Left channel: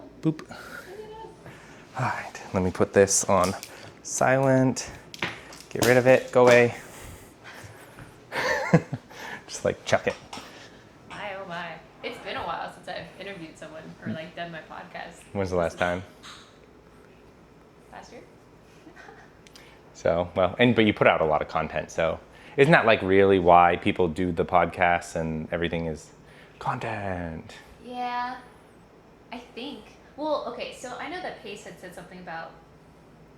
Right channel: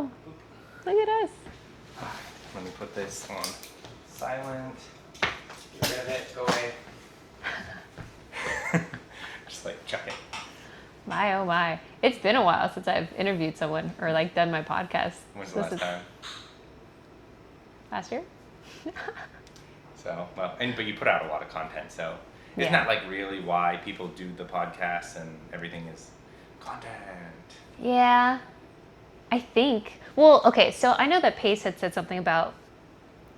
Wow. Boop. Look at us. All right, let me put this on silent. Get rid of it. Go away. Just like chuck it. My, oh my. It's been a while since I've interviewed someone or like done my podcast. When's the last time? Last year? So, well, but you put out a lot of content, so isn't that like really why people do the podcasts and everything is content? Yeah, I think. Well, okay, so I know that Pace had said something about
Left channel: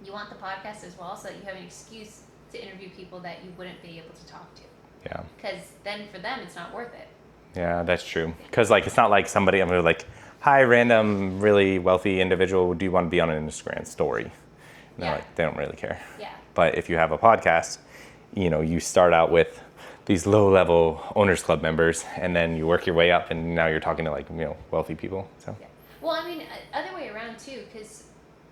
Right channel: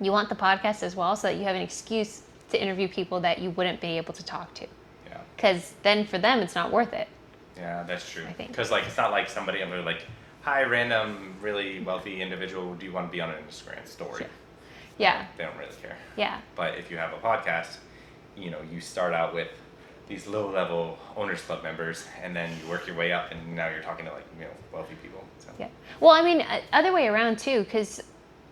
you want the podcast as well so that you have an excuse to interview people that you wouldn't be able to talk to. Yeah. Because then for them, it's not worth it. Yeah, that's true. think. Because like it's not like somebody I'm gonna like, hi, random, really wealthy individual. Do you want to be on an Instagram story? Yeah. No, they don't really care. Yeah. But if you have a podcast, you know, you start out with these low-level owners club members, and then you work your way up, and now you're talking to like, you know, wealthy people. So. Yeah. Well, I mean, other way around too, because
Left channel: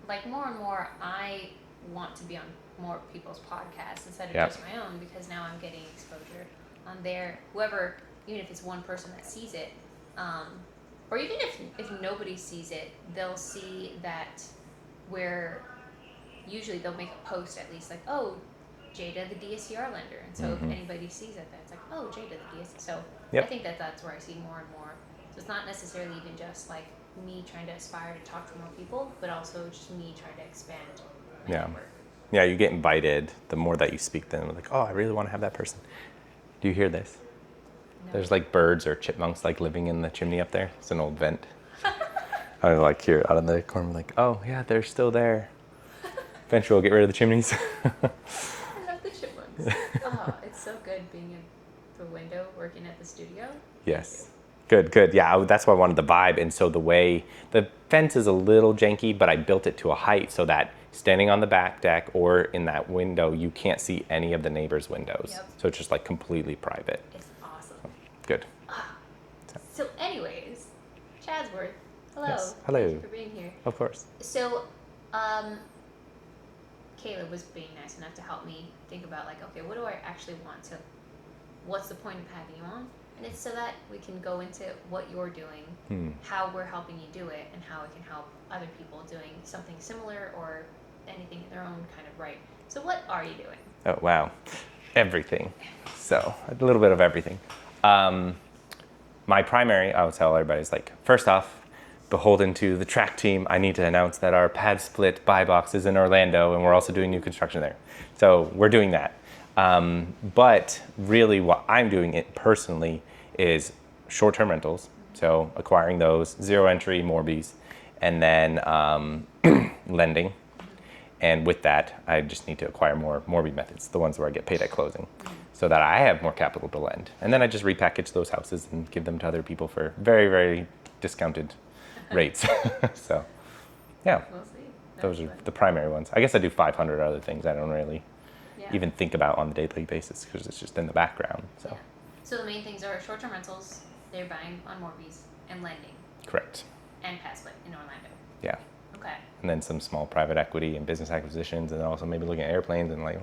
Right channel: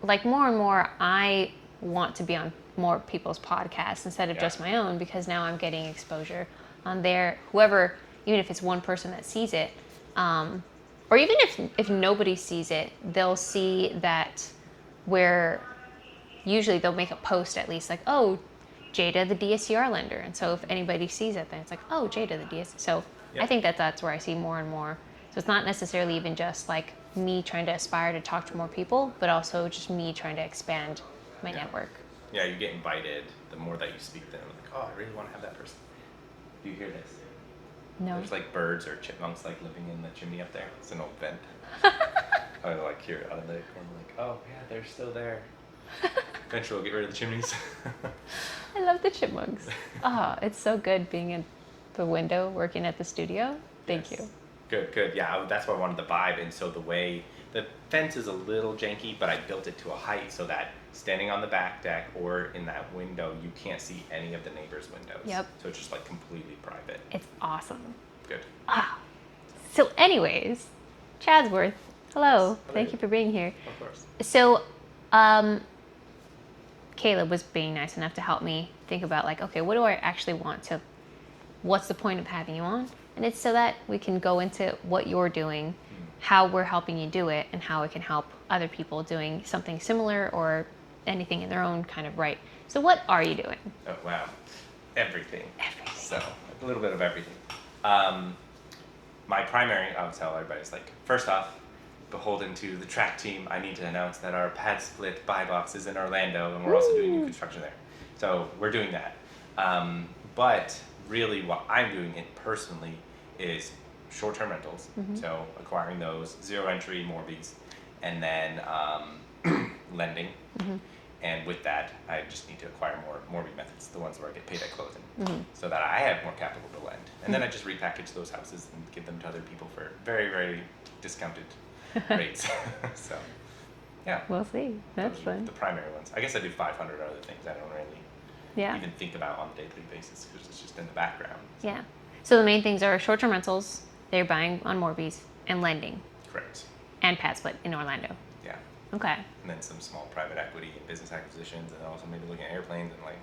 like more and more, I want to be on more people's podcasts instead of just my own, because now I'm getting exposure on there. Whoever, even if it's one person that sees it, or even if nobody sees it, they'll see that where usually they'll make a post at least like, oh, Jada the DSCR lender, and so if anybody sees it, then it's like, oh, Jada the DSCR. So I think that's where I see more and more. So it's not necessarily even just like me trying to aspire to talk to more people, but also just me trying to expand my network. Yeah, you get invited the more that you speak to them. Like, oh, I really want to have that person. Do you hear this? No. There's like birds or chipmunks like living in the chimney up there. It's an old vent. I like hear it out of the corner, like, oh yeah, they're still there. Eventually we'll get rid of the chimneys. I love the chipmunks. Oh, it's so good being in the window working at the studio. Thank you. Good. Yeah, that's why I wanted the vibe. And so the fence is a little janky, but I built it to a height so that standing on the back deck or in that window, you can't see any of the neighbors' windows. Yep. So it's just like completely private. It's awesome. Good. So anyways, Chadsworth, hello. Yes, hello. Thank you for being here. Of course. So, Caleb was being nice enough to help me think about like, okay, what do I actually want to, what's the point of having you on? And it's so that we can go into what you're doing, how we're helping you do it, and how it can help other people doing something similar or anything in their own kind of right. So what are you doing? Oh, wow. Everything. So a little bit of everything. My primary, I would tell everybody, is like, first off, beholden to the track team, I need to announce that our pad split buy box is in Orlando, and we're also doing new construction there. So we're doing that. But really what I'm doing it personally is short-term rentals. So acquiring those, zero entry Morbies, and then lending. And with that, I just need to acquire more Morbi methods, the ones where I get paid at closing, so that I have more capital to lend. And then I just repackage those houses and give them to other people for very, very discounted rates. So, yeah. We'll see. That's Those are fun. the primary ones. I guess I do 500 other things I don't really Yeah. even think about on a daily basis because it's just in the background. So. Yeah. So the main things are short-term rentals, they're buying on Morbies, and lending, Correct. and pad split in Orlando. Yeah. Okay. And then some small private equity and business acquisitions, and then also maybe looking at airplanes and like.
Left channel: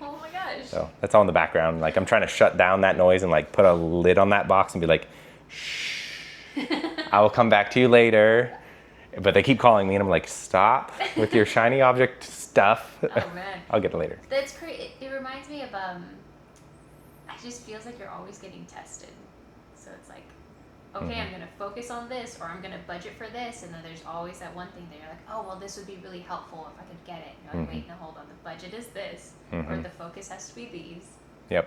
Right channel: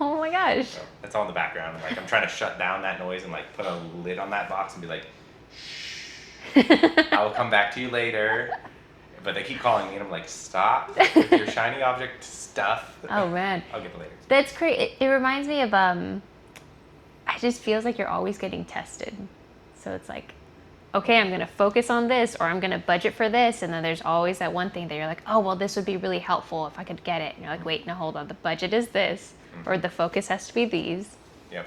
Oh my gosh. So that's all in the background. Like I'm trying to shut down that noise and like put a lid on that box and be like, shh, I will come back to you later. But they keep calling me and I'm like, stop with your shiny object stuff. Oh man. I'll get it later. That's great. It reminds me of it just feels like you're always getting tested. So it's like, okay, I'm gonna focus on this, or I'm gonna budget for this, and then there's always that one thing that you're like, oh well, this would be really helpful if I could get it. And you're like, wait, no, hold on, the budget is this, or the focus has to be these. Yep.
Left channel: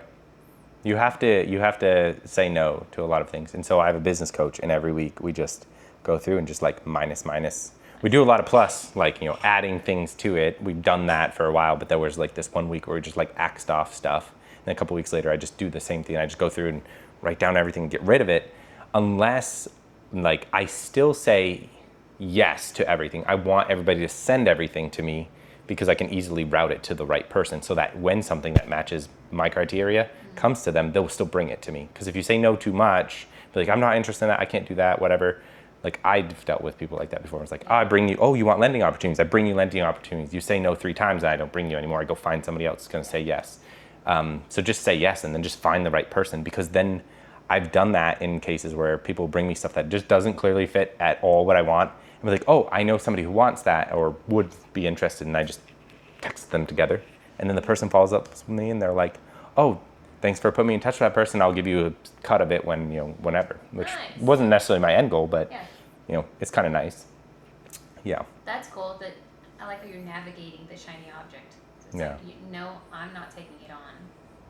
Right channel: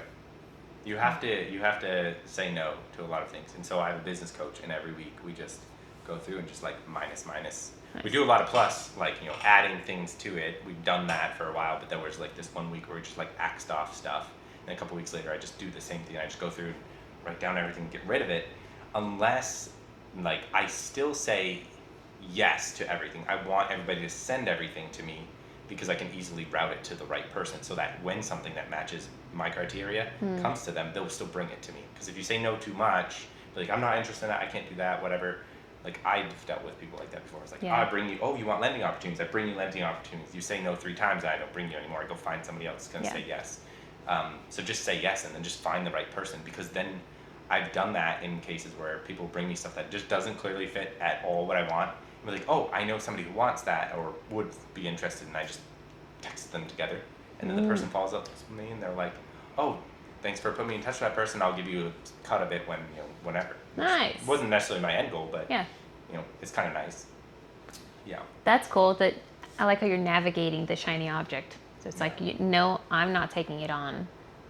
You have to say no to a lot of things. And so I have a business coach, and every week we just go through and just like minus. Nice. We do a lot of plus, like, you know, adding things to it. We've done that for a while, but there was like this 1 week where we just like axed off stuff. And a couple weeks later, I just do the same thing. I just go through and write down everything and get rid of it. Unless, like, I still say yes to everything. I want everybody to send everything to me because I can easily route it to the right person so that when something that matches my criteria comes to them, they'll still bring it to me. Because if you say no too much, be like, I'm not interested in that, I can't do that, whatever. Like, I've dealt with people like that before. It's like, oh, you want lending opportunities. I bring you lending opportunities. You say no 3 times and I don't bring you anymore. I go find somebody else that's going to say yes. So just say yes and then just find the right person, because then I've done that in cases where people bring me stuff that just doesn't clearly fit at all what I want. and be like, oh, I know somebody who wants that or would be interested, and I just text them together. And then the person follows up with me and they're like, oh, thanks for putting me in touch with that person. I'll give you a cut of it when, whenever. Which Nice. wasn't necessarily my end goal, but, Yeah. It's kind of nice. Yeah. That's cool. That I like how you're navigating the shiny object. So it's Yeah. like, no, I'm not taking it on,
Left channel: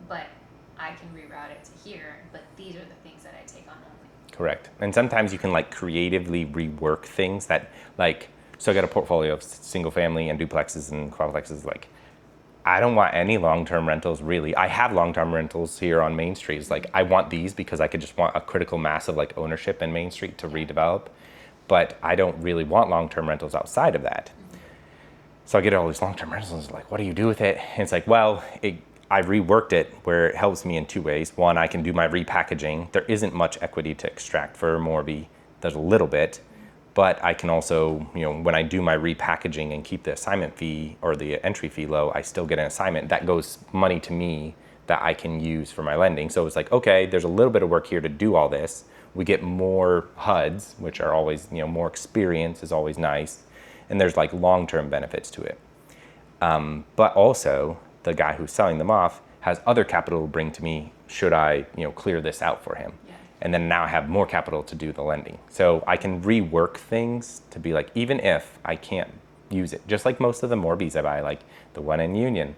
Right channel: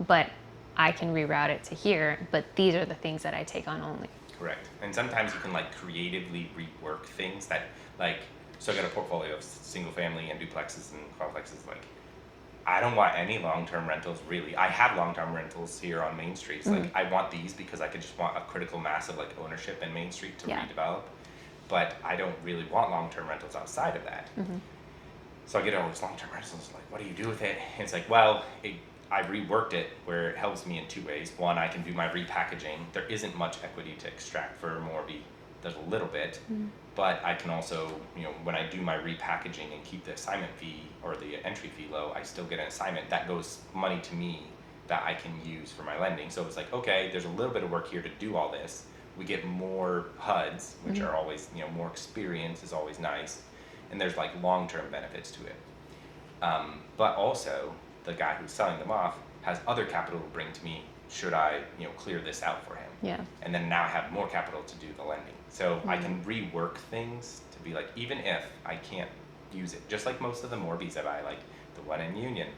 but I can reroute it to here. But these are the things that I take on only. Correct. And sometimes you can like creatively rework things that like, so I got a portfolio of single family and duplexes and quadplexes. Like, I don't want any long-term rentals really. I have long-term rentals here on Main Street. It's like, I want these because I could just want a critical mass of like ownership in Main Street to Yeah. redevelop. But I don't really want long-term rentals outside of that. So I get all these long-term rentals. Like, what do you do with it? And it's like, well, I reworked it where it helps me in two ways. One, I can do my repackaging. There isn't much equity to extract for Morby. There's a little bit. But I can also, when I do my repackaging and keep the assignment fee or the entry fee low, I still get an assignment. That goes money to me that I can use for my lending. So it's like, okay, there's a little bit of work here to do all this. We get more HUDs, which are always, more experience is always nice. And there's like long-term benefits to it. But also, the guy who's selling them off has other capital to bring to me should I, clear this out for him. Yeah. And then now I have more capital to do the lending. So I can rework things to be like, even if I can't use it, just like most of the Morbies I buy, like the one in Union.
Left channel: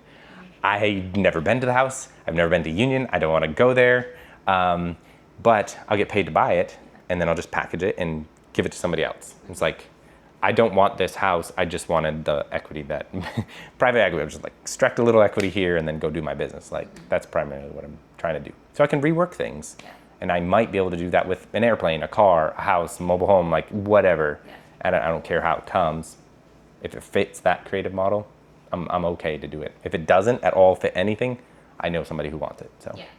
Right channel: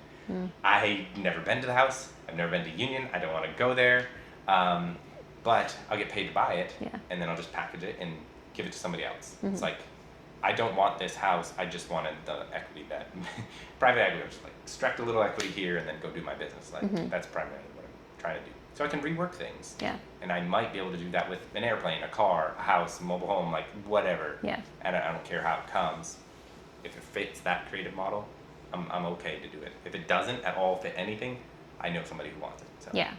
I've never been to the house. I've never been to Union. I don't want to go there. But I'll get paid to buy it. Yeah. And then I'll just package it and give it to somebody else. It's like, I don't want this house. I just wanted the equity that private equity. I was just like extract a little equity here and then go do my business. Like that's primarily what I'm trying to do. So I can rework things. Yeah. And I might be able to do that with an airplane, a car, a house, a mobile home, like whatever. Yeah. And I don't care how it comes. If it fits that creative model, I'm okay to do it. If it doesn't at all fit anything, I know somebody who wants it. So Yeah.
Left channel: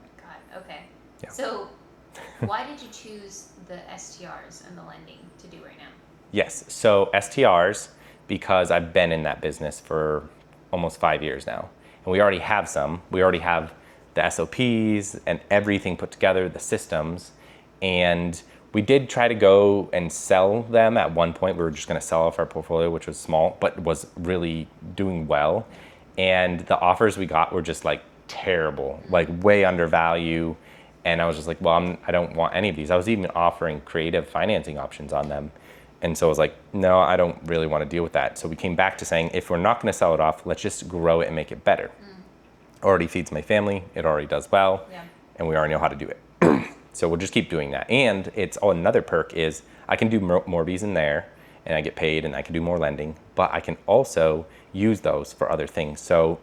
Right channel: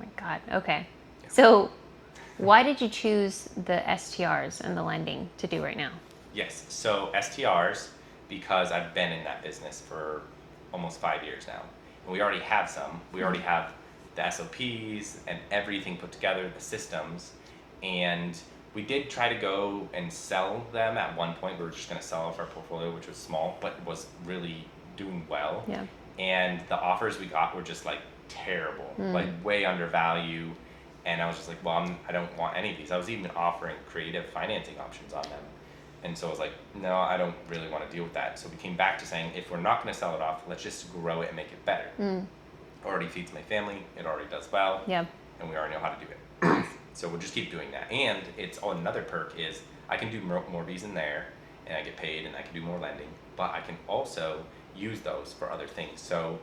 Oh my God. Okay. Yeah. So why did you choose the STRs and the lending to do right now? Yes. So STRs, because I've been in that business for almost 5 years now. And we already have some. We already have the SOPs and everything put together, the systems. And we did try to go and sell them at one point. We were just going to sell off our portfolio, which was small, but was really doing well. Yeah. And the offers we got were just like terrible, like way undervalue. And I was just like, well, I don't want any of these. I was even offering creative financing options on them. And so I was like, no, I don't really want to deal with that. So we came back to saying, if we're not going to sell it off, let's just grow it and make it better. Already feeds my family. It already does well. Yeah. And we already know how to do it. So we'll just keep doing that. And it's another perk is I can do more Bs in there and I get paid and I can do more lending, but I can also use those for other things. So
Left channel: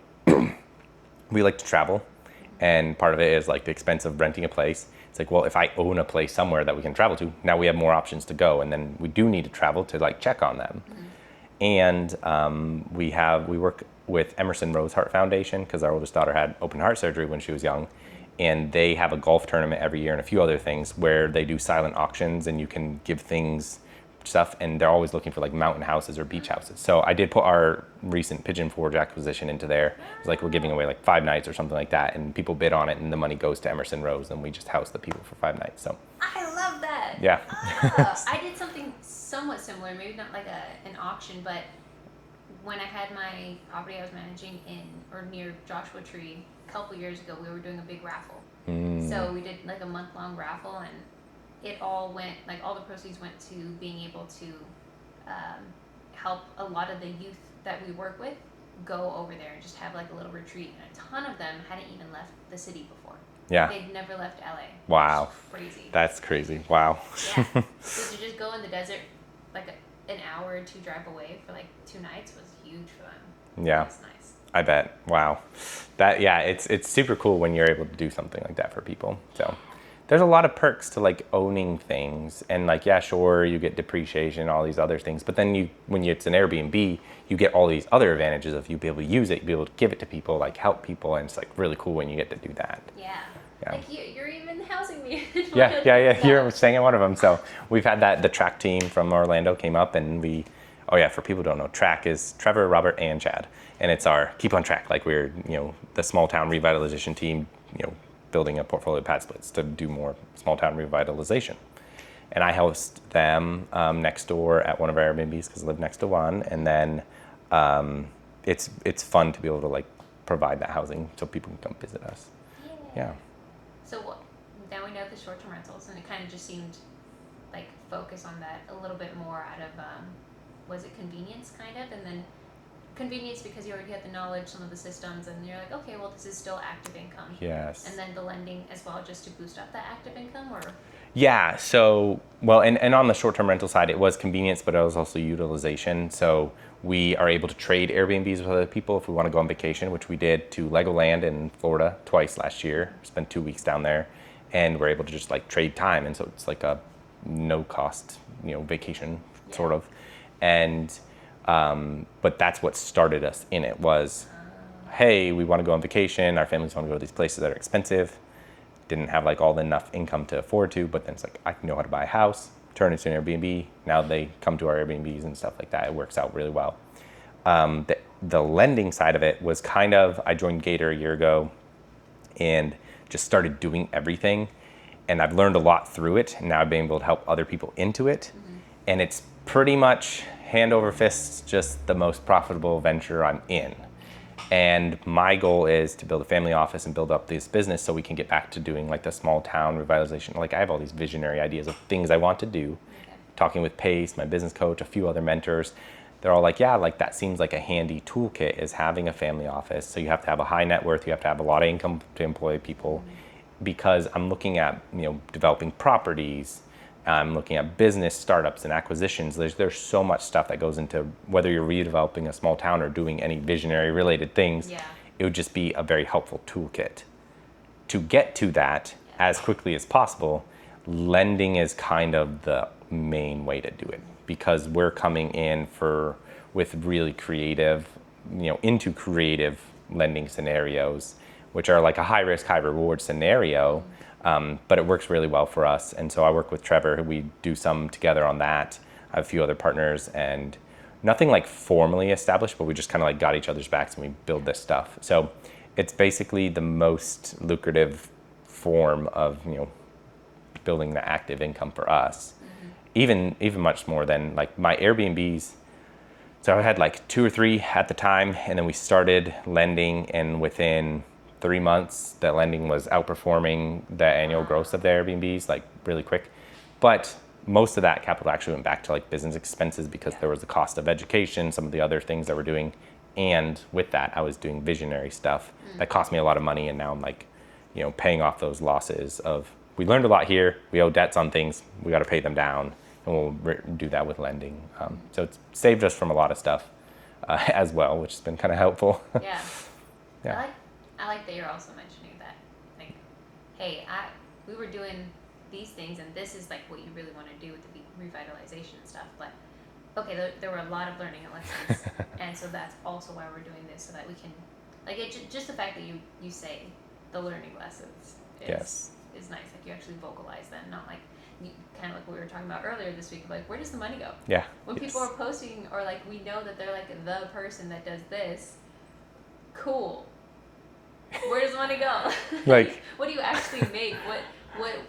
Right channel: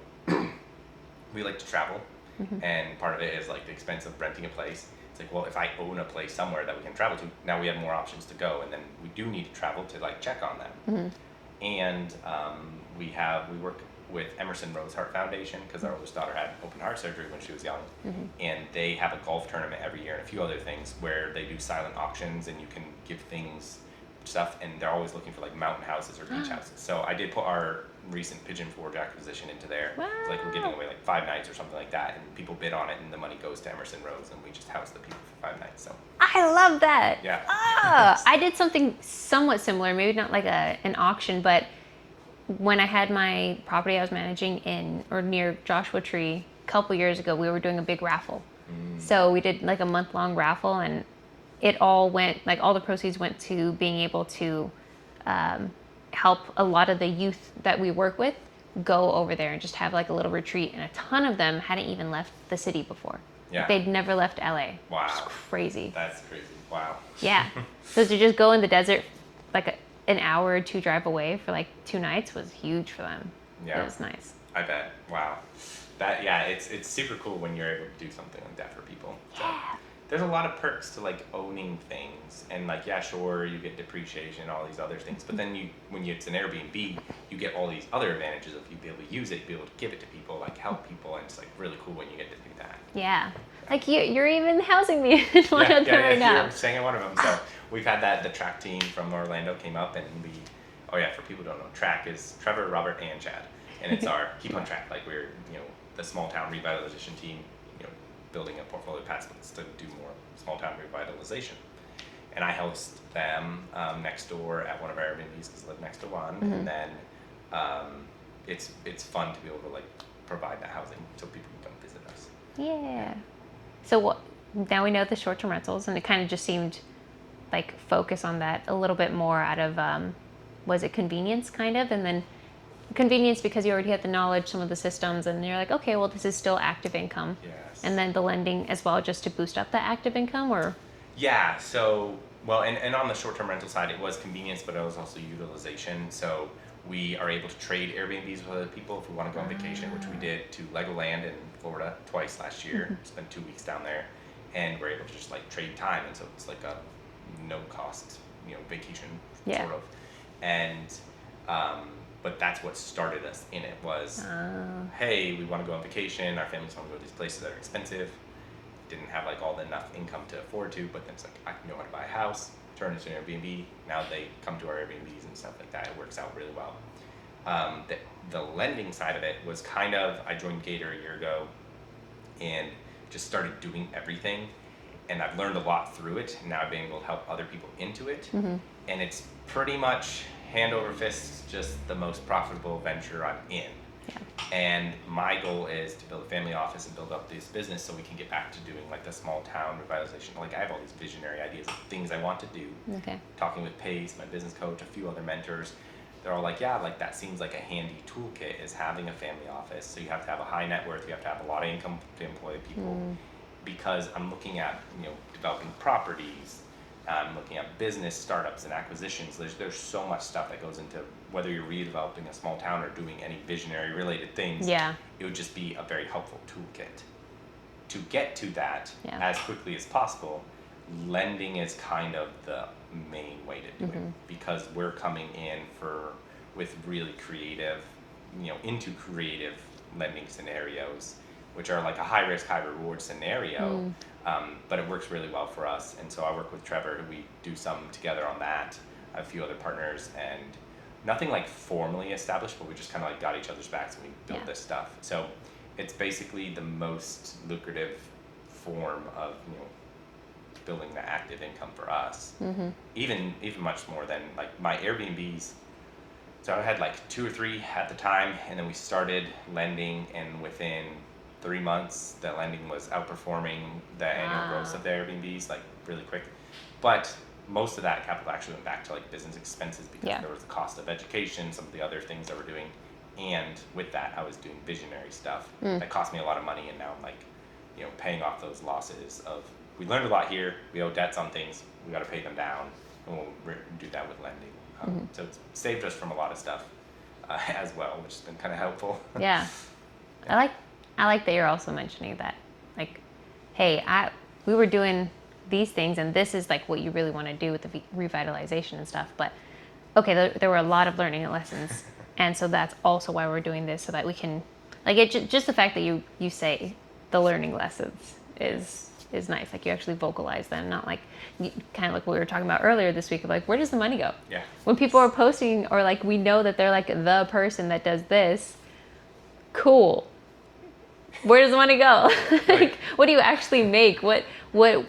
we like to travel. And part of it is like the expense of renting a place. It's like, well, if I own a place somewhere that we can travel to, now we have more options to go. And then we do need to travel to like check on them. And we work with Emerson Rose Heart Foundation because our oldest daughter had open heart surgery when she was young. And they have a golf tournament every year and a few other things where they do silent auctions and you can give things stuff, and they're always looking for like mountain houses or beach houses. So I did put our recent Pigeon Forge acquisition into there. It's like we're giving away like 5 nights or something like that, and people bid on it, and the money goes to Emerson Rose, and we just house the people for 5 nights. So I love that. yeah. I did something somewhat similar, maybe not like an auction, but when I had my property I was managing in or near Joshua Tree a couple years ago, we were doing a big raffle. So we did like a month-long raffle, and it all went, like all the proceeds went to being able to help a lot of the youth that we work with go over there and just have like a little retreat. And a ton of them hadn't even left the city before. Yeah. They'd never left LA. Wow. It's crazy. That's crazy. Wow. Yeah. So to just go in the desert, like an hour or two drive away for like 2 nights was huge for them. Yeah. It was nice. I bet. Wow. It's super cool when you're able to do something like that for people. So there's a lot of perks to like owning things, and like, yeah, sure, you get depreciation, all these other things, but then it's an Airbnb, you get all these other advantages of you be able to use it, you be able to give it to people, like help people, and it's like really cool when you get to do that. Yeah. Yeah. Like you're even housing me in one of them Yeah, right now. you're staying at one of them. So we've had the track team from Orlando came up, and for people who don't know, track is Trevor, Robert, and Chad, and it's our keep on track, like we're the small town revitalization team, building a portfolio of pad splits to do more small town revitalization. and I host them next door at one of our Airbnbs because I live next to one, and then it's fun to be able to like provide that housing so people can come visit us. Yeah. So what? Now we know the short-term rentals, and it kind of just seemed like focus on that a little bit more out of was it convenience kind of, and then convenience because you already had the knowledge, some of the systems, and you're like, okay, well this is still active income. Yes. And then the lending as well, just to boost up that active income, or Yeah, so, well, and on the short-term rental side, it was convenience, but it was also utilization. So we are able to trade Airbnbs with other people if we want to go on vacation, which we did to Legoland in Florida twice last year. Spent 2 weeks down there, and we're able to just like trade time, and so it's like a no-cost, vacation sort of. And but that's what started us in it was, hey, we want to go on vacation. Our families want to go to these places that are expensive. Didn't have like all the enough income to afford to, but then it's like I know how to buy a house, turn it into an Airbnb. Now they come to our Airbnbs and stuff like that. It works out really well. The lending side of it was kind of, I joined Gator a year ago and just started doing everything, and I've learned a lot through it, and now I've been able to help other people into it. And it's pretty much hand over fist just the most profitable venture I'm in. And my goal is to build a family office and build up this business so we can get back to doing like the small town revitalization. Like I have all these visionary ideas of things I want to do. Talking with Pace, my business coach, a few other mentors, they're all like, yeah, like that seems like a handy toolkit is having a family office. So you have to have a high net worth, you have to have a lot of income to employ people, because I'm looking at, developing properties. I'm looking at business startups and acquisitions. There's so much stuff that goes into whether you're redeveloping a small town or doing any visionary related things. It would just be a very helpful toolkit. To get to that as quickly as possible, lending is kind of the main way to do it, because we're coming in with really creative, into creative lending scenarios, which are like a high risk, high reward scenario. But it works really well for us. And so I work with Trevor, who we do some together on that. I have a few other partners, and nothing like formally established, but we just kind of like got each other's backs and we build this stuff. So it's basically the most lucrative form of, building the active income for us. Even much more than like my Airbnbs. So I had like 2 or 3 at the time, and then we started lending, and within 3 months, the lending was outperforming the annual gross of the Airbnbs, like really quick. But most of that capital actually went back to like business expenses, because there was the cost of education, some of the other things that we're doing. And with that, I was doing visionary stuff that cost me a lot of money. And now I'm like, paying off those losses of, we learned a lot here. We owe debts on things. We got to pay them down. And we'll do that with lending. So it's saved us from a lot of stuff as well, which has been kind of helpful. I like that you're also mentioning that, like, hey, we were doing these things, and this is like what you really want to do with the revitalization and stuff. But okay, there were a lot of learning lessons, and so that's also why we're doing this, so that we can, like, just the fact that you say the learning lessons is nice. Like you actually vocalize them, not like kind of like what we were talking about earlier this week of like, where does the money go? When people are posting, or like we know that they're like the person that does this, cool. Where does the money go? Like, what do you actually make? What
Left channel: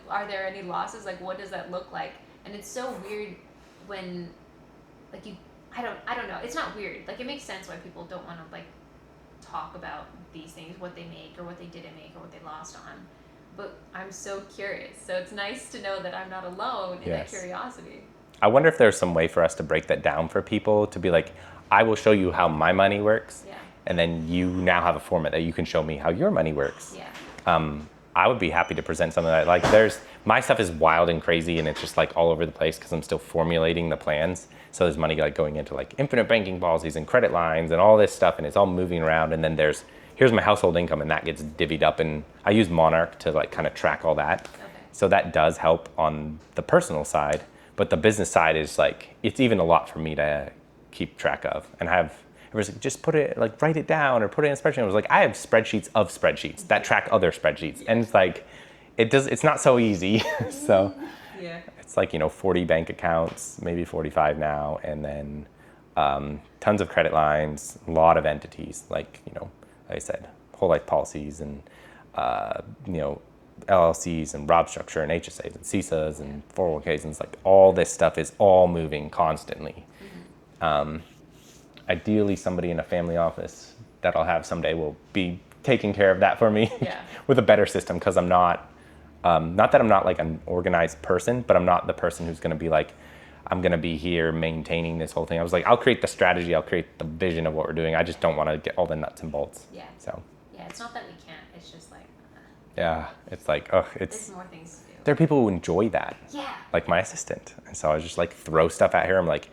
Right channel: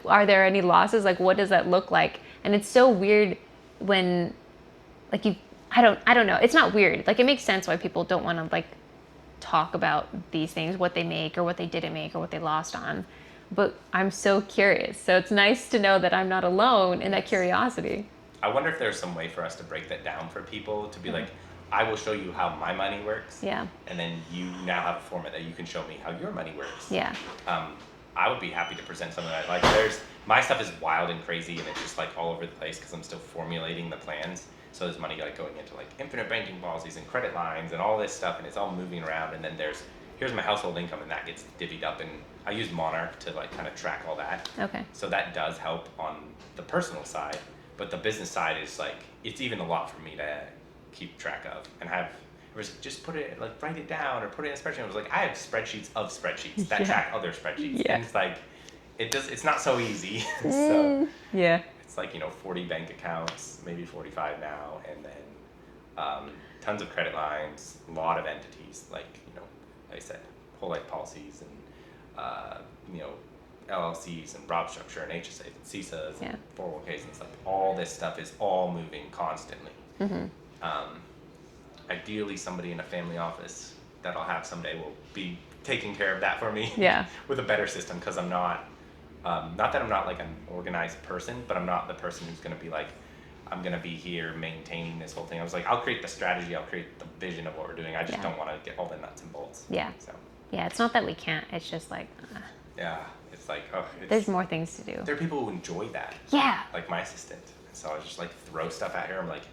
are there any losses? Like, what does that look like? And it's so weird when, like, I don't know. It's not weird. Like, it makes sense why people don't want to like talk about these things, what they make or what they didn't make or what they lost on. But I'm so curious. So it's nice to know that I'm not alone in that curiosity. I wonder if there's some way for us to break that down for people, to be like, I will show you how my money works. And then you now have a format that you can show me how your money works. I would be happy to present some of that. Like my stuff is wild and crazy, and it's just like all over the place because I'm still formulating the plans. So there's money like going into like infinite banking policies and credit lines and all this stuff, and it's all moving around. And then here's my household income, and that gets divvied up. And I use Monarch to like kind of track all that. So that does help on the personal side, but the business side is like, it's even a lot for me to keep track of. And it was like, just write it down or put it in a spreadsheet. I was like, I have spreadsheets of spreadsheets that track other spreadsheets. And it's like, it's not so easy. So it's like, 40 bank accounts, maybe 45 now. And then tons of credit lines, a lot of entities, like I said, whole life policies and, LLCs and Rob structure and HSAs and CISAs and 401ks, and it's like all this stuff is all moving constantly. Ideally, somebody in a family office that I'll have someday will be taking care of that for me with a better system, because I'm not that I'm not like an organized person, but I'm not the person who's going to be like, I'm going to be here maintaining this whole thing. I was like, I'll create the strategy, I'll create the vision of what we're doing. I just don't want to get all the nuts and bolts. So it's not that we can't, it's just like it's like there's more things to do. There are people who enjoy that, like my assistant, and so I just like throw stuff at her. I'm like,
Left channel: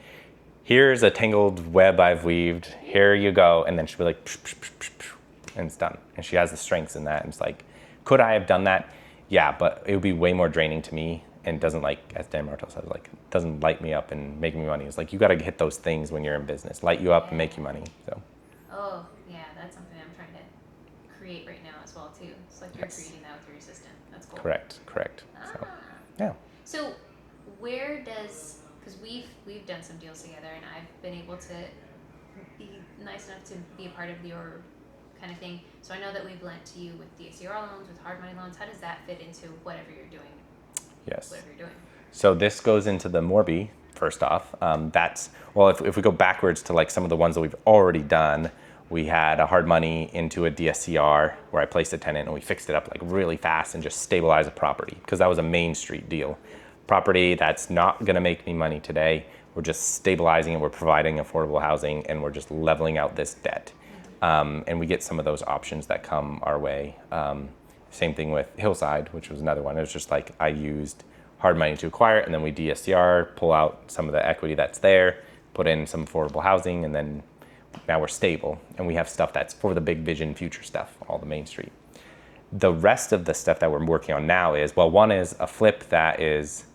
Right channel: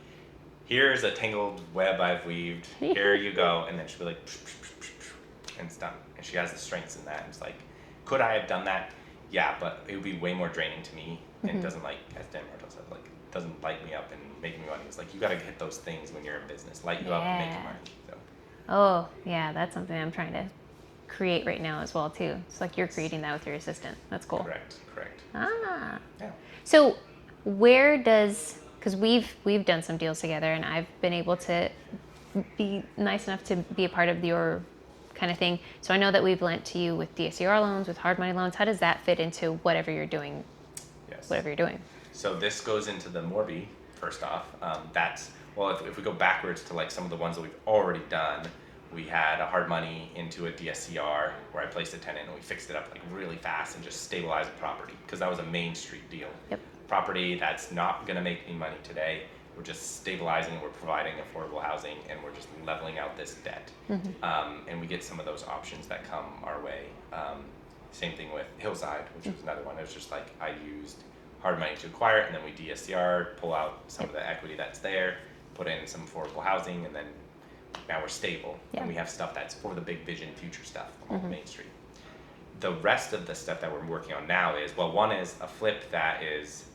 here's a tangled web I've weaved, here you go, and then she'll be like, psh, psh, psh, psh, psh, and it's done. And she has the strengths in that, and it's like, could I have done that? Yeah, but it would be way more draining to me, and it doesn't, like, as Dan Martell says, like, doesn't light me up and make me money. It's like, you got to hit those things when you're in business, light you up and make you money. So That's something I'm trying to create right now as well too. It's like you're creating that with your assistant. That's cool. Correct. So where does, because we've done some deals together, and I've been able to be nice enough to be a part of your kind of thing. So I know that we've lent to you with DSCR loans, with hard money loans. How does that fit into whatever you're doing? Whatever you're doing. So this goes into the Morby first off. If we go backwards to like some of the ones that we've already done, we had a hard money into a DSCR where I placed a tenant and we fixed it up like really fast and just stabilized a property, because that was a Main Street deal. Property that's not going to make me money today. We're just stabilizing and we're providing affordable housing, and we're just leveling out this debt. And we get some of those options that come our way. Same thing with Hillside, which was another one. It was just like I used hard money to acquire it, and then we DSCR, pull out some of the equity that's there, put in some affordable housing, and then now we're stable. And we have stuff that's for the big vision future stuff, all the Main Street. The rest of the stuff that we're working on now is, one is a flip that is,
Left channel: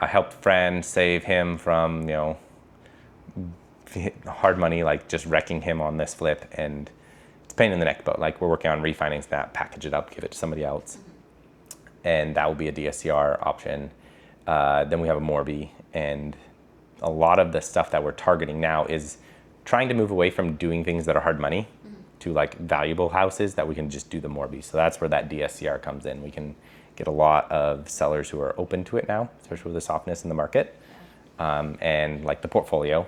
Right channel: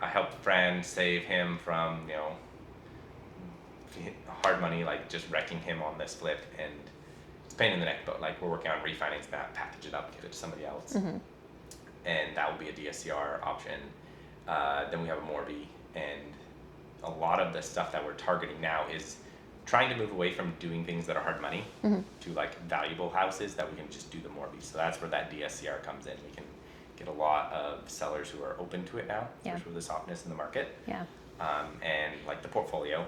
I helped a friend save him from, hard money, like just wrecking him on this flip, and it's a pain in the neck, but like we're working on refinance that, package it up, give it to somebody else. And that will be a DSCR option. Then we have a Morby, and a lot of the stuff that we're targeting now is trying to move away from doing things that are hard money to like valuable houses that we can just do the Morby. So that's where that DSCR comes in. We can get a lot of sellers who are open to it now, especially with the softness in the market. And like the portfolio,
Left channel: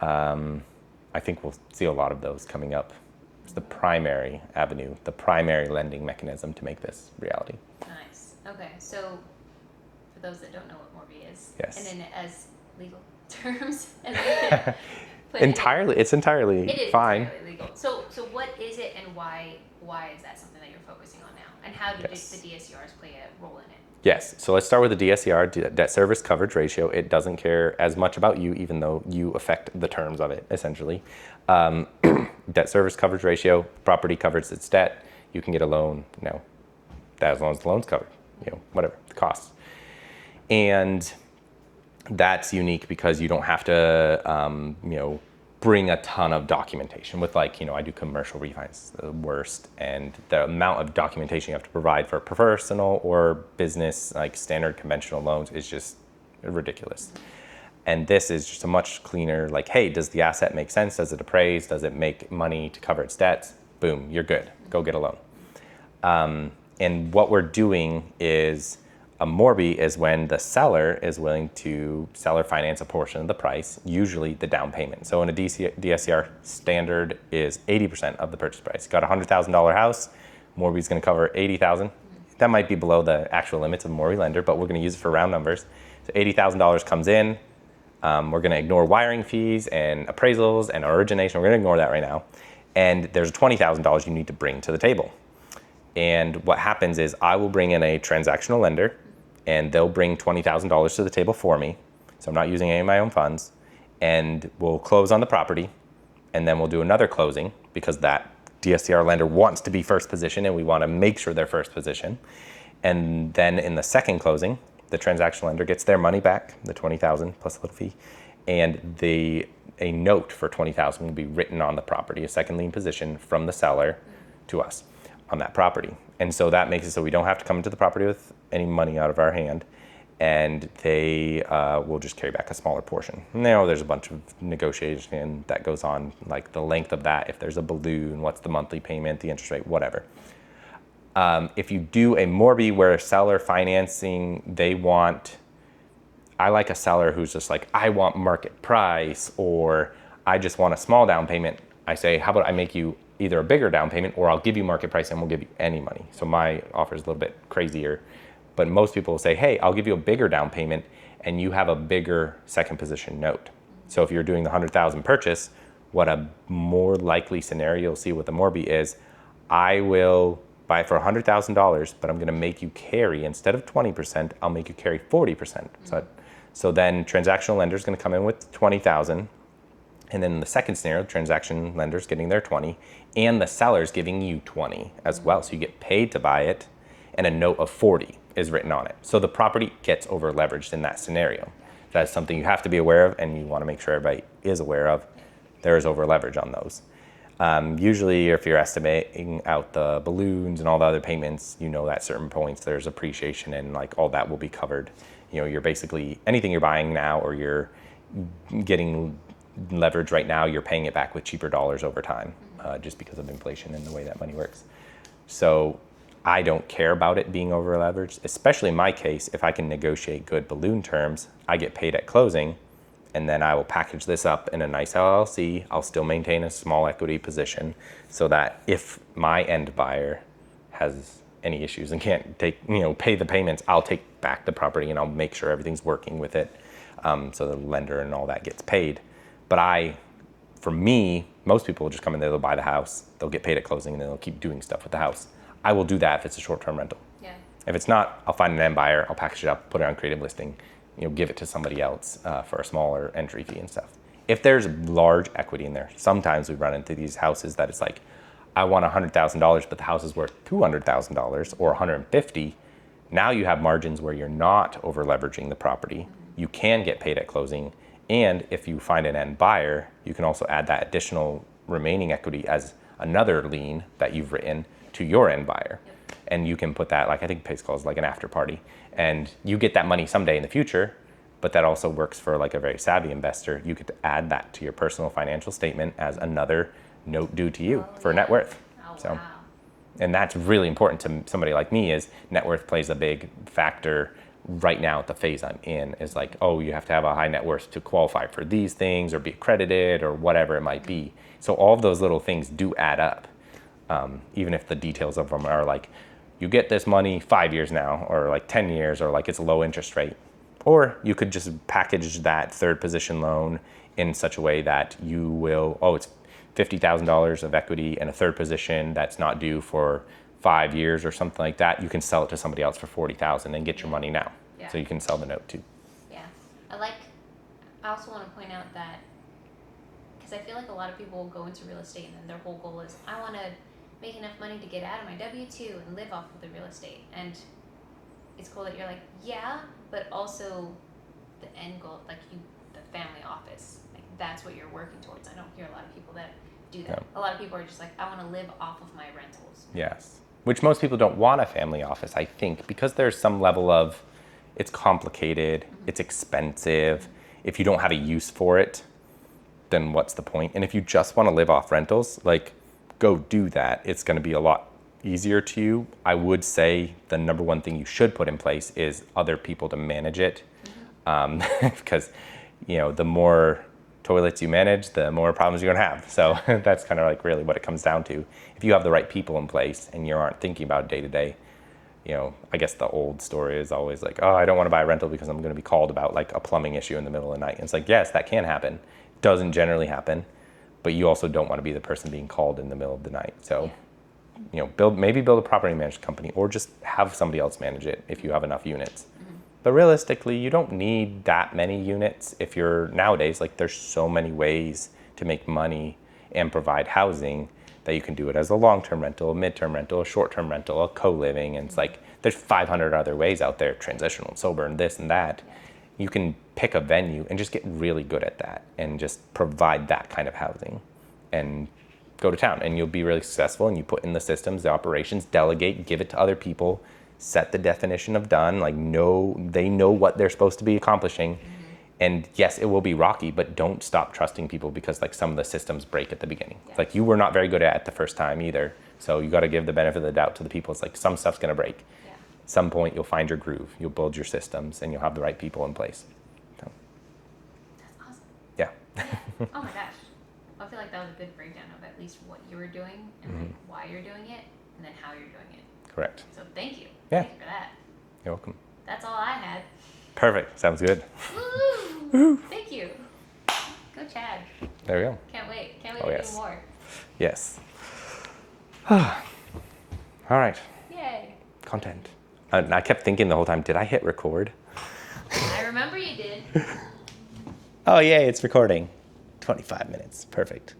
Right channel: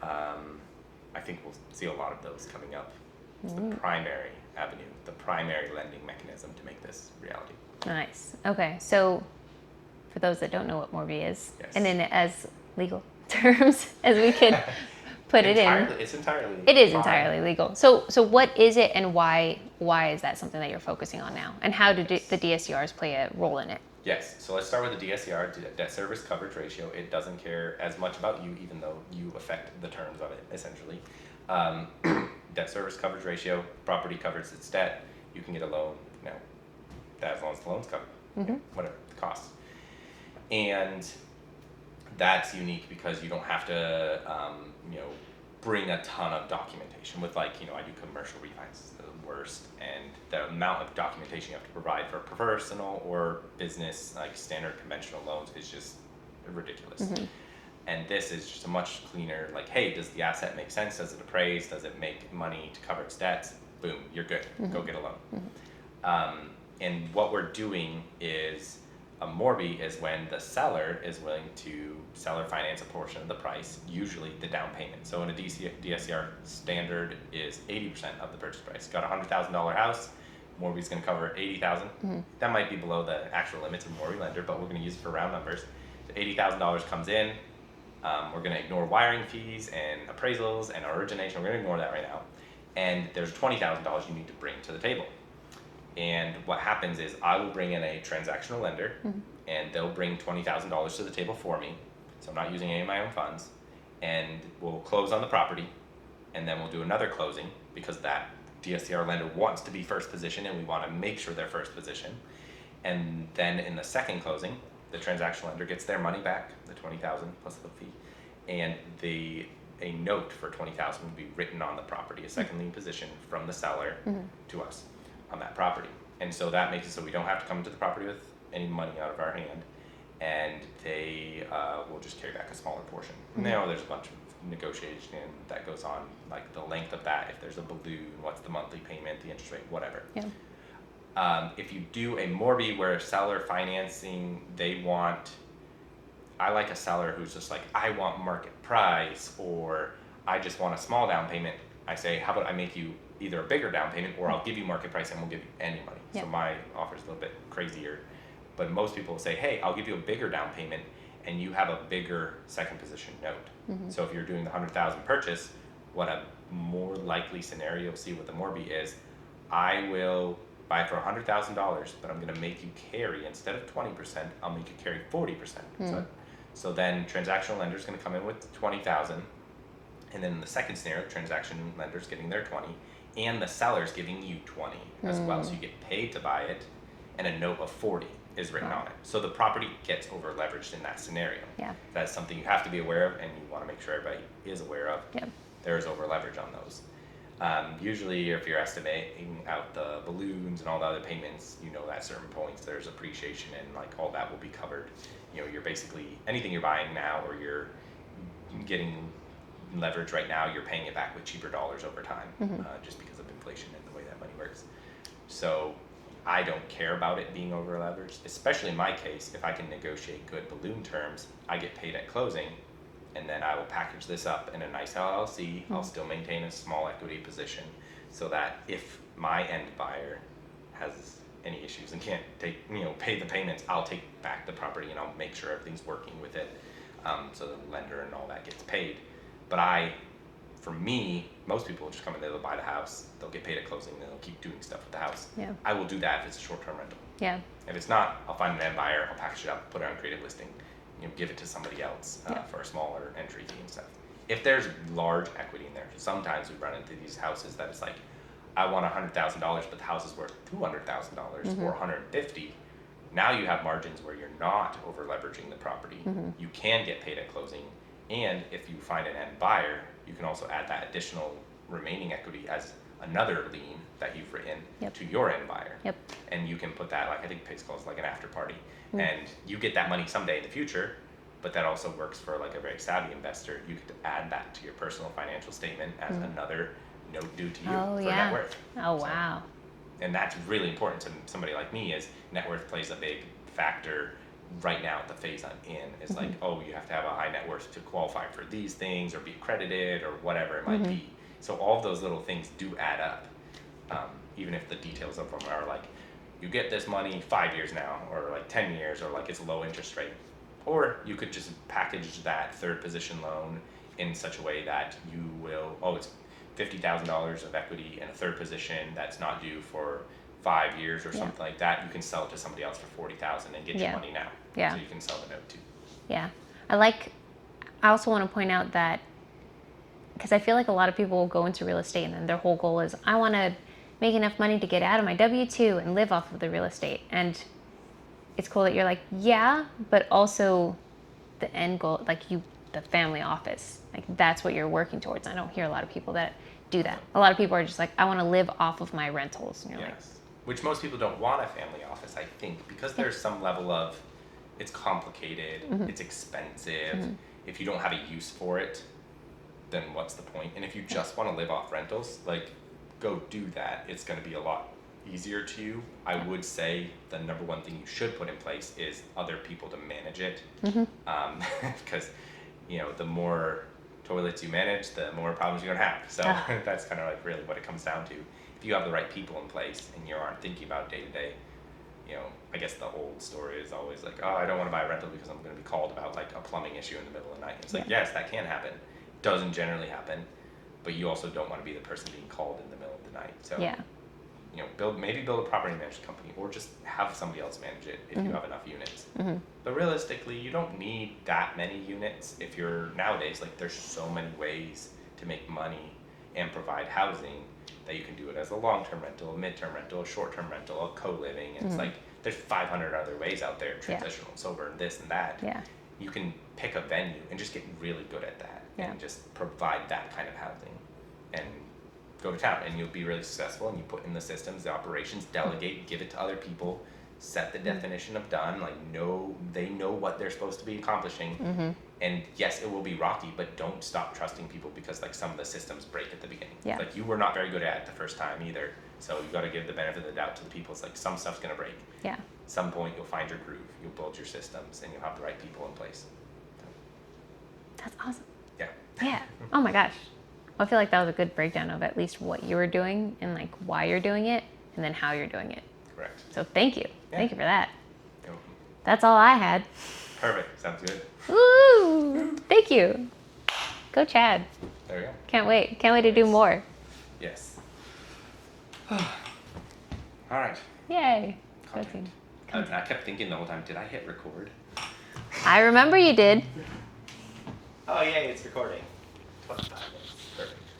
I think we'll see a lot of those coming up. It's the primary avenue, the primary lending mechanism to make this reality. Nice. Okay, so for those that don't know what Morby is, and in as legal terms as we could put it in. It's entirely It is fine. entirely legal. So what is it, and why is that something that you're focusing on now? And how do the DSCRs play a role in it? Yes. So let's start with the DSCR, debt service coverage ratio. It doesn't care as much about you, even though you affect the terms of it, essentially. Debt service coverage ratio, property covers its debt. You can get a loan, as long as the loan's covered, whatever the cost. And that's unique because you don't have to, bring a ton of documentation with I do commercial refinance, the worst. And the amount of documentation you have to provide for personal or business, like standard conventional loans, is just ridiculous. And this is just a much cleaner, hey, does the asset make sense? Does it appraise? Does it make money to cover its debts? Boom, you're good. Go get a loan. And what we're doing is, a Morby is when the seller is willing to seller finance a portion of the price, usually the down payment. So in a DSCR, standard is 80% of the purchase price. Got a $100,000 house, Morby's going to cover $80,000. That might be below the actual limits of a Morby lender, but we're going to use it for round numbers. So $80,000 comes in. We're going to ignore wiring fees and appraisals and origination. We're going to ignore that right now. And there's $20,000 you need to bring to the table. And what happens is I will bring in a transactional lender, and they'll bring $20,000 to the table for me. So I'm not using any of my own funds. And we'll close on the property, and then we'll do another closing because that DSCR lender wants to be first position, and we want to make sure they're first position. And then in the second closing, the transactional lender gets their money back, the $20,000 plus a little fee, and a note for $20,000 will be written on the property, a second lien position from the seller to us on that property. And so that makes it so we don't have to come into the property with any money out of our hand, and they will just carry back a smaller portion. Now there's a bunch of negotiation that goes on, like the length of that, if there's a balloon, what's the monthly payment, the interest rate, whatever. If you do a Morby where seller financing, I like a seller who's just like, I want market price, or I just want a small down payment. I say, how about I make you either a bigger down payment, or I'll give you market price and we'll give you any money. Yeah. So my offer is a little bit crazier, but most people will say, hey, I'll give you a bigger down payment and you have a bigger second position note. So if you're doing the 100,000 purchase, what a more likely scenario you'll see with the Morby is, I will buy it for $100,000, but I'm going to make you carry, instead of 20%, I'll make you carry 40%. So then transactional lender is going to come in with 20,000, and then in the second scenario, transaction lender's getting their 20, and the seller's giving you 20 as well. So you get paid to buy it, and a note of 40 is written on it. So the property gets over leveraged in that scenario. Yeah. That's something you have to be aware of, and you want to make sure everybody is aware of. Yeah. There is over leverage on those. Usually, if you're estimating out the balloons and all the other payments, at certain points there's appreciation, and like all that will be covered. You're basically, anything you're buying now or you're getting leverage right now, you're paying it back with cheaper dollars over time, just because of inflation and the way that money works. So I don't care about it being over leveraged, especially in my case. If I can negotiate good balloon terms, I get paid at closing, and then I will package this up in a nice LLC. I'll still maintain a small equity position, so that if my end buyer has any issues and can't pay the payments, I'll take back the property and I'll make sure everything's working with it, so the lender and all that gets paid. But for me, most people will just come in there, they'll buy the house, they'll get paid at closing, and then they'll keep doing stuff with the house. Yeah. I will do that if it's a short-term rental. Yeah. If it's not, I'll find an end buyer, I'll package it up, put it on creative listing, give it to somebody else for a smaller entry fee and stuff. If there's large equity in there, sometimes we run into these houses that it's like, I want $100,000, but the house is worth $200,000 or $150,000. Now you have margins where you're not over leveraging the property. You can get paid at closing. And if you find an end buyer, you can also add that additional remaining equity as another lien that you've written to your end buyer. Yep. And you can put that, like I think PACE calls like an after party. And you get that money someday in the future, but that also works for like a very savvy investor. You could add that to your personal financial statement as another note due to you for net worth. Oh, So, wow. and that's really important to somebody like me, is net worth plays a big factor right now at the phase I'm in. Is like, oh, you have to have a high net worth to qualify for these things or be accredited or whatever it might be. So all of those little things do add up, even if the details of them are like, you get this money 5 years now, or like 10 years, or like it's a low interest rate. Or you could just package that third position loan in such a way that you will, it's $50,000 of equity and a third position that's not due for 5 years or something like that. You can sell it to somebody else for $40,000 and get your money now. Yeah. So you can sell the note too. Yeah. I also want to point out that, because I feel like a lot of people will go into real estate and then their whole goal is, I want to make enough money to get out of my W-2 and live off of the real estate. And it's cool that you're like, yeah, but also the end goal, like the family office, like that's what you're working towards. I don't hear a lot of people that do that. A lot of people are just like, I want to live off of my rentals. And you're like, Yes. Which most people don't want a family office, I think, because there's some level of, it's complicated, it's expensive. If you don't have a use for it, then what's the point? And if you just want to live off rentals, like, go do that. It's going to be a lot easier to you. I would say the number one thing you should put in place is other people to manage it. Because, the more toilets you manage, the more problems you're going to have. So that's kind of like really what it comes down to. If you have the right people in place and you aren't thinking about day to day, I guess the old story is always like, oh, I don't want to buy a rental because I'm going to be called about like a plumbing issue in the middle of the night. And it's like, yes, that can happen. Doesn't generally happen, but you also don't want to be the person being called in the middle of the night. So, build a property management company, or just have somebody else manage it if you have enough units. But realistically, you don't need that many units. If you're nowadays, like, there's so many ways to make money and provide housing that you can do it as a long-term rental, a mid-term rental, a short-term rental, a co-living. And it's like, there's 500 other ways out there, transitional and sober and this and that. Yeah. You can pick a venue and just get really good at that and just provide that kind of housing and go to town, and you'll be really successful. And you put in the systems, the operations, delegate, give it to other people, set the definition of done, like they know what they're supposed to be accomplishing, And yes, it will be rocky, but don't stop trusting people because like some of the systems break at the beginning. Yeah. Like you were not very good at it the first time either. So you got to give the benefit of the doubt to the people. It's like some stuff's going to break. Yeah. Some point you'll find your groove. You'll build your systems and you'll have the right people in place. So, That's awesome. yeah. Yeah. Oh my gosh. I feel like that was a good breakdown of at least what you were doing and like why you're doing it and then how you're doing it. Correct. So thank you. Yeah. Thank you for that. You're welcome. That's all I had. Perfect. Sounds good. Woo! Thank you. Go Chad. There we go. Can't wait. Can't wait Oh, to do yes. more. Yes. All right. Yay. Content. I kept thinking the whole time, did I hit record? I remember you did. Oh, yay, it's recording. 25 minutes. Perfect.